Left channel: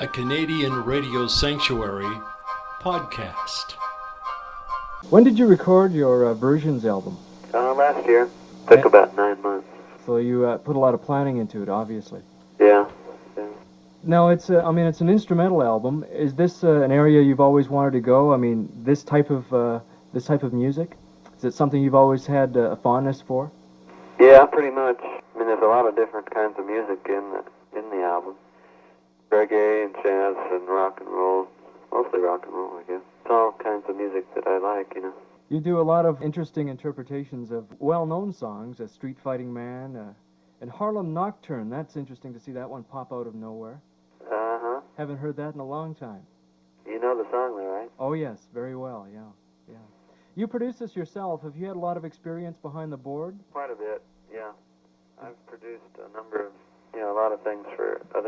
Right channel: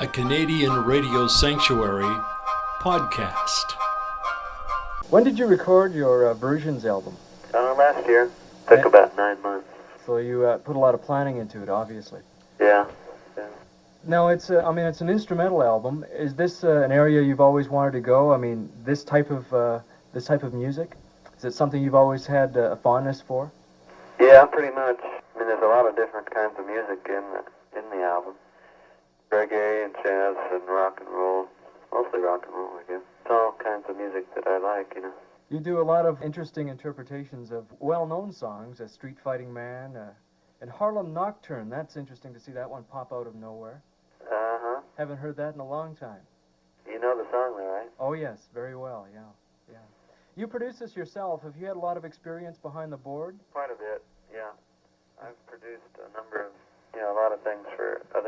a Canadian radio sanctuary podcast. When did you record your Versions album? Last year. Took about 9 months. So you put a lot of planning into it, obviously. Yeah. Now it's an instrumental album. Is this an area you've always wanted to go? I mean, this type of music. Is it something you've always had a fondness for? Yeah, pretty much. I mean, there's a lot of different kinds of music in the album. Reggae and jazz and rock and roll. Mostly rock and roll, I guess. It's all kinds of music that I like, you know. You do a lot of interesting interpretations of well-known songs, Street Fighting Man, and Harlem Nocturne. That's interesting to see that one pop out of nowhere. Uh-huh. Haven't heard that in a long time. You know the song, though, right? Oh, yes, very well, yeah. You produced this yourself. Have you had a lot of experience behind the board? Quite a bit, yeah. I've produced a number of, a lot of things for a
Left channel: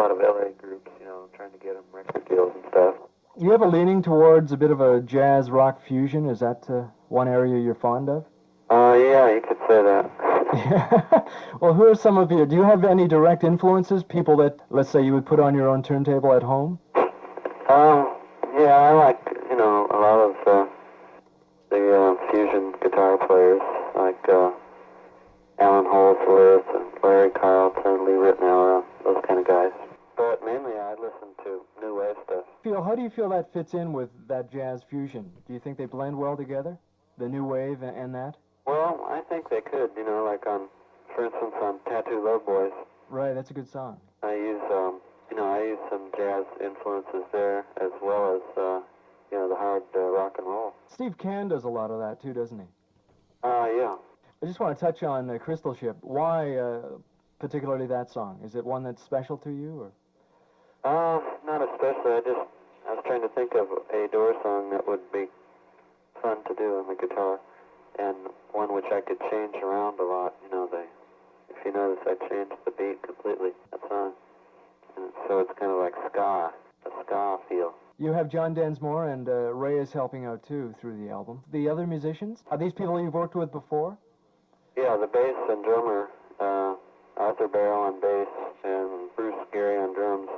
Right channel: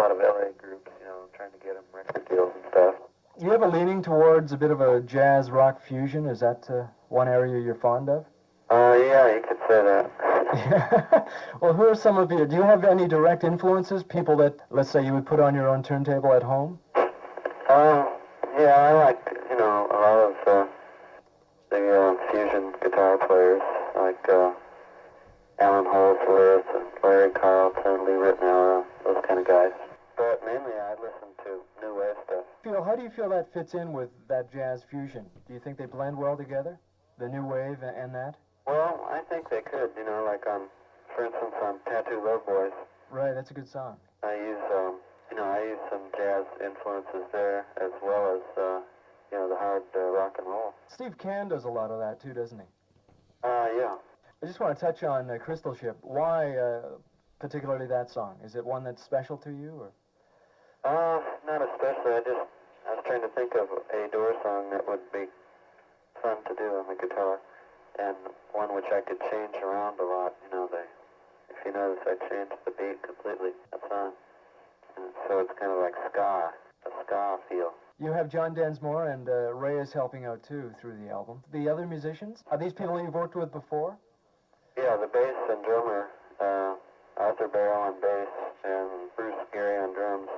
lot of LA groups, trying to get them record deals and stuff. You have a leaning towards a bit of a jazz rock fusion. Is that one area you're fond of? Yeah, you could say that. Yeah. Well, who are some of you? Do you have any direct influences? People that, let's say, you would put on your own turntable at home? Yeah, I like, a lot of the fusion guitar players, like Alan Holdsworth and Larry Carlton, Lee Ritenour, those kind of guys. But mainly I listen to new wave stuff. How do you feel that fits in with that jazz fusion? Do you think they blend well together, the new wave and that? Well, I think they could, like for instance, on Tattoo Love Boys. Right, that's a good song. I use some jazz influences there, as well as, the hard rock and roll. Steve Cann does a lot of that too, doesn't he? Yeah. I just want to touch on Crystal Ship. Why particularly that song? Is it one that's special to you, or? Not especially. I was trying to think of a Doors song that would be fun to do on the guitar, and one which I could change around a lot. If you notice, I changed the beat completely, that song. And so it's kind of like ska, a ska feel. You have John Densmore and Ray is helping out too through the album. The other musicians? Are these people you've worked with before? Yeah, the bass and drummer, Arthur Barrow on bass and Bruce Gary on drums.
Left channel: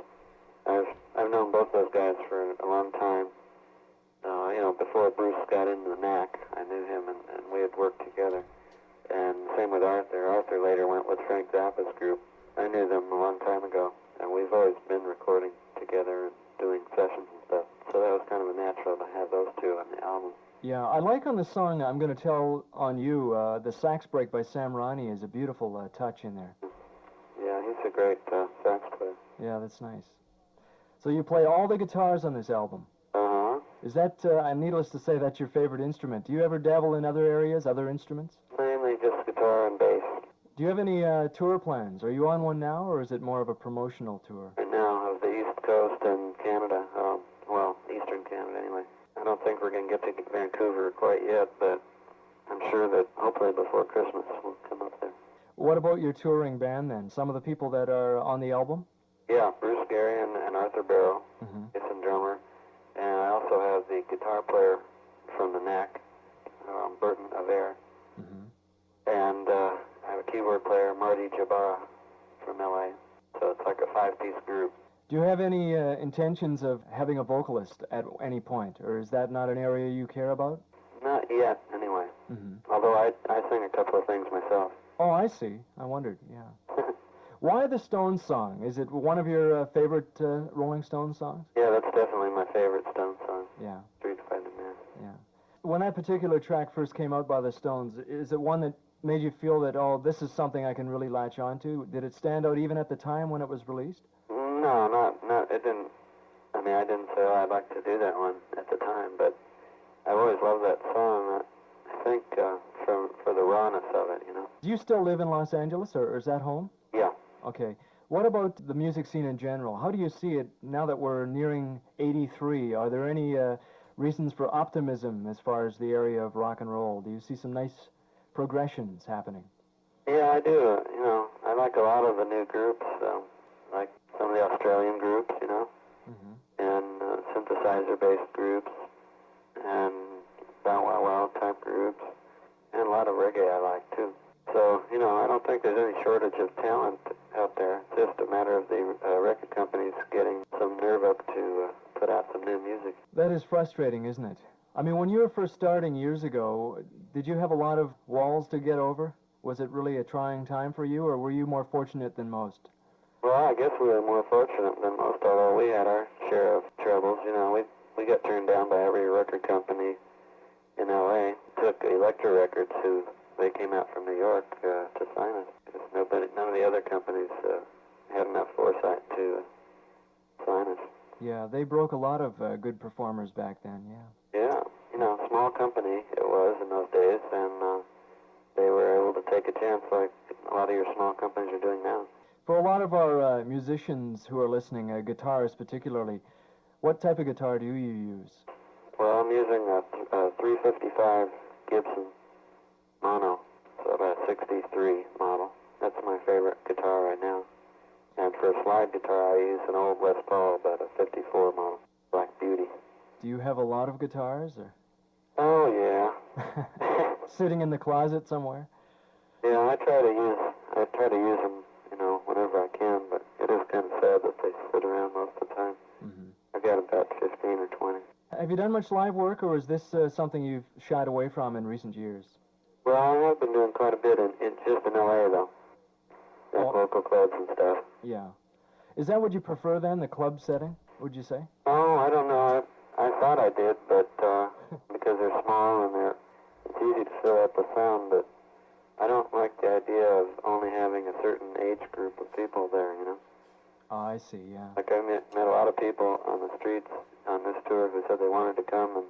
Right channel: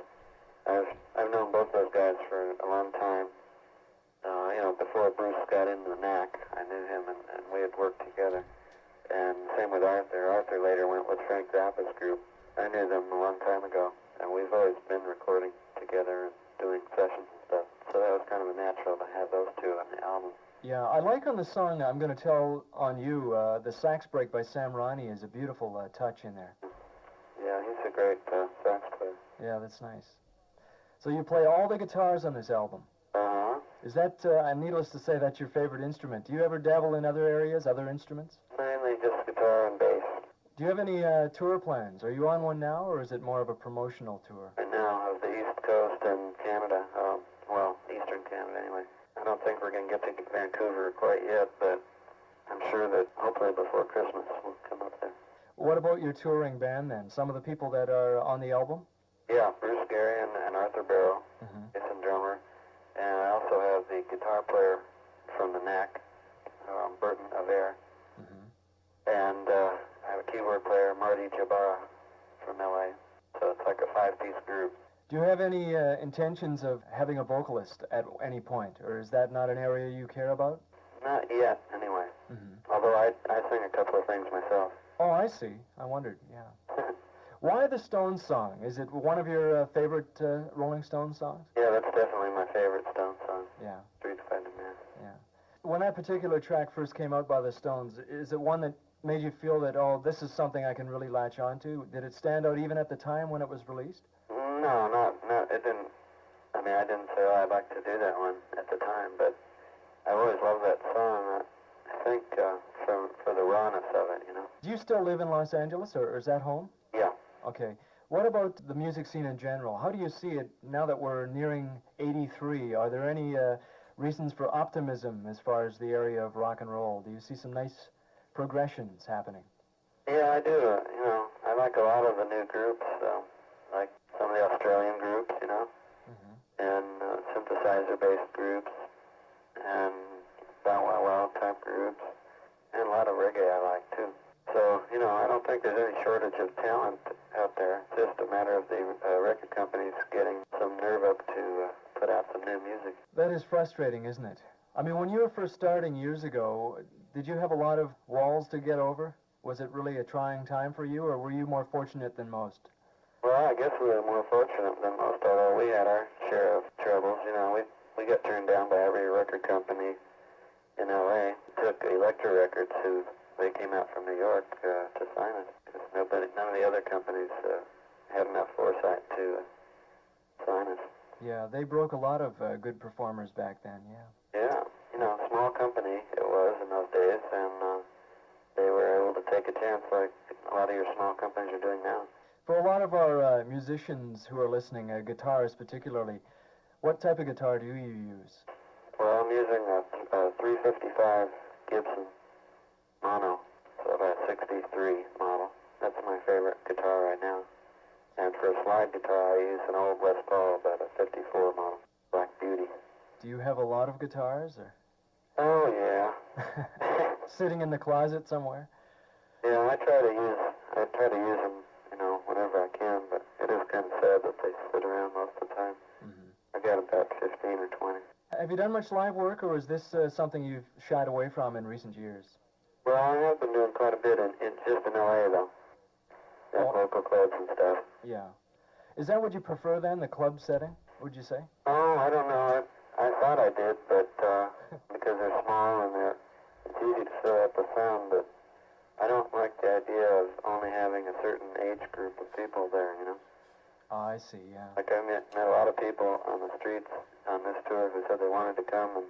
I've known both those guys for a long time. Before Bruce got into the Knack, I knew him and we had worked together. And same with Arthur. Arthur later went with Frank Zappa's group. I knew them a long time ago, and we've always been recording together and doing sessions and stuff. So that was kind of a natural to have those two on the album. Yeah, I like on the song, I'm going to tell on you, the sax break by Sam Roney is a beautiful touch in there. Yeah, he's a great sax player. Yeah, that's nice. So you play all the guitars on this album. Uh-huh. Is that, needless to say, that's your favorite instrument? Do you ever dabble in other areas, other instruments? Mainly just guitar and bass. Do you have any tour plans? Are you on one now, or is it more of a promotional tour? Right now, of the East Coast and Canada. Eastern Canada anyway. I don't think we're going to get to Vancouver quite yet, but I'm sure that hopefully before Christmas we'll come up there. What about your touring band then? Some of the people that are on the album? Yeah, Bruce Gary and Arthur Barrow, Mm-hmm. and drummer. And I also have the guitar player from the Knack, Burton Aver. Mm-hmm. And I have a keyboard player, Marty Jabara, from LA. So it's like a 5-piece group. Do you have any intentions of having a vocalist at any point, or is that not an area you care about? Not yet, anyway. Mm-hmm. Although I sing a couple of things myself. Oh, I see. I wondered, yeah. Why the Stones song? Is it one of your favorite Rolling Stones songs? Yeah, that's definitely my favorite Stones song. Yeah. Street Fighting Man. Yeah. When that particular track first came out by the Stones, is it one that made you feel that, oh, this is something I can really latch onto? Did it stand out even at the time when it was released? No, it didn't. I didn't say, I'd like to do that one at the time, but I've always loved that song, I think, for the rawness of it, Do you still live in Los Angeles, or is that home? Yeah. Okay. What about the music scene in general? How do you see it now that we're nearing 83? Are there any reasons for optimism as far as the area of rock and roll? Do you see some nice progressions happening? Yeah, I do. I like a lot of the new groups, like some of the Australian groups, Mm-hmm. and synthesizer-based groups, and Bow Wow Wow type groups, and a lot of reggae I like, too. So, I don't think there's any shortage of talent out there. It's just a matter of the record companies getting some nerve up to put out some new music. That is frustrating, isn't it? I mean, when you were first starting years ago, did you have a lot of walls to get over? Was it really a trying time for you, or were you more fortunate than most? Well, I guess we were more fortunate than most, although we had our share of troubles. You know, we got turned down by every record company in L.A. Took Elektra Records, who they came out from New York to sign us. Because none of the other companies had enough foresight to sign us. Yeah, they broke a lot of good performers back then, yeah. Yeah, you know, small company it was in those days, and they were able to take a chance like a lot of your small companies are doing now. For a lot of our musicians who are listening, guitarists particularly, what type of guitar do you use? Well, I'm using a 355 Gibson mono, so about 63 model. That's my favorite guitar right now. And for a slide guitar, I use an old Les Paul, about a 54 model, Black Beauty. Do you have a lot of guitars, or? Oh, yeah. Sitting in the closet somewhere? Yeah, I try to use them, you know, whenever I can, but it is kind of sad that they sit around most of the time. Mm-hmm. I got about 15 or 20. Have you done much live work, or is this something you've shied away from in recent years? Well, I have been doing quite a bit just in L.A., though. At local clubs and stuff. Yeah. Is that what you prefer, then, the club setting, would you say? Oh, I don't know. I thought I did, but because they're small and it's easy to fill out the sound, but I don't like the idea of only having a certain age group of people there, you know? Oh, I see, yeah. Like I met a lot of people on the streets on this tour who said they wanted to come,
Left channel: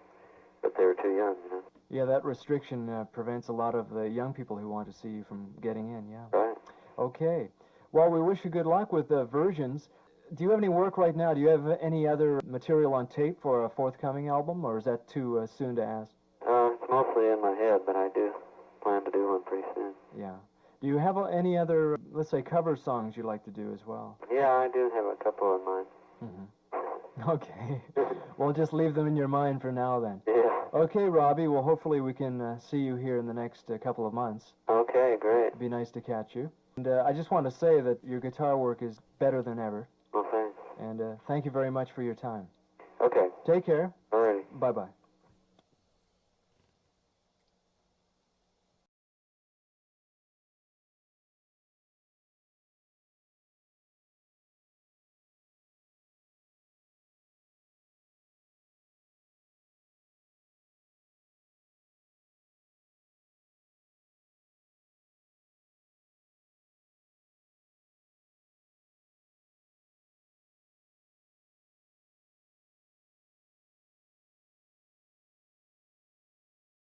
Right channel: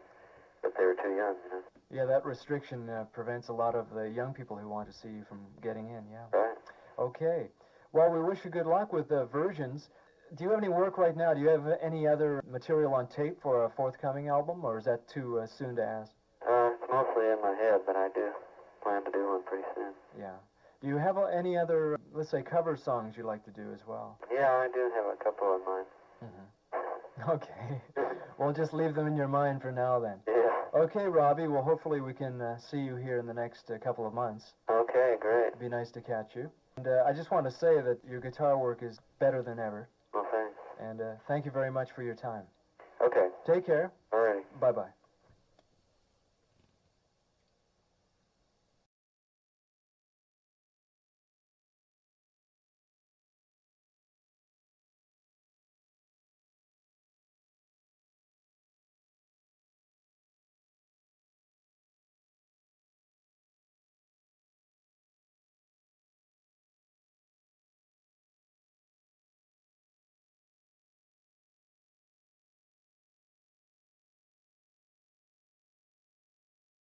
but they were too young, you know? Yeah, that restriction prevents a lot of the young people who want to see you from getting in, yeah. Right. Okay. Well, we wish you good luck with the versions. Do you have any work right now? Do you have any other material on tape for a forthcoming album, or is that too soon to ask? It's mostly in my head, but I do plan to do one pretty soon. Yeah. Do you have any other, let's say, cover songs you like to do as well? Yeah, I do have a couple in mind. Mm-hmm. Okay. We'll just leave them in your mind for now, then. Yeah. Okay, Robby. Well, hopefully we can see you here in the next couple of months. Okay, great. It'd be nice to catch you. And I just want to say that your guitar work is better than ever. Well, thanks. And thank you very much for your time. Okay. Take care. All righty. Bye-bye.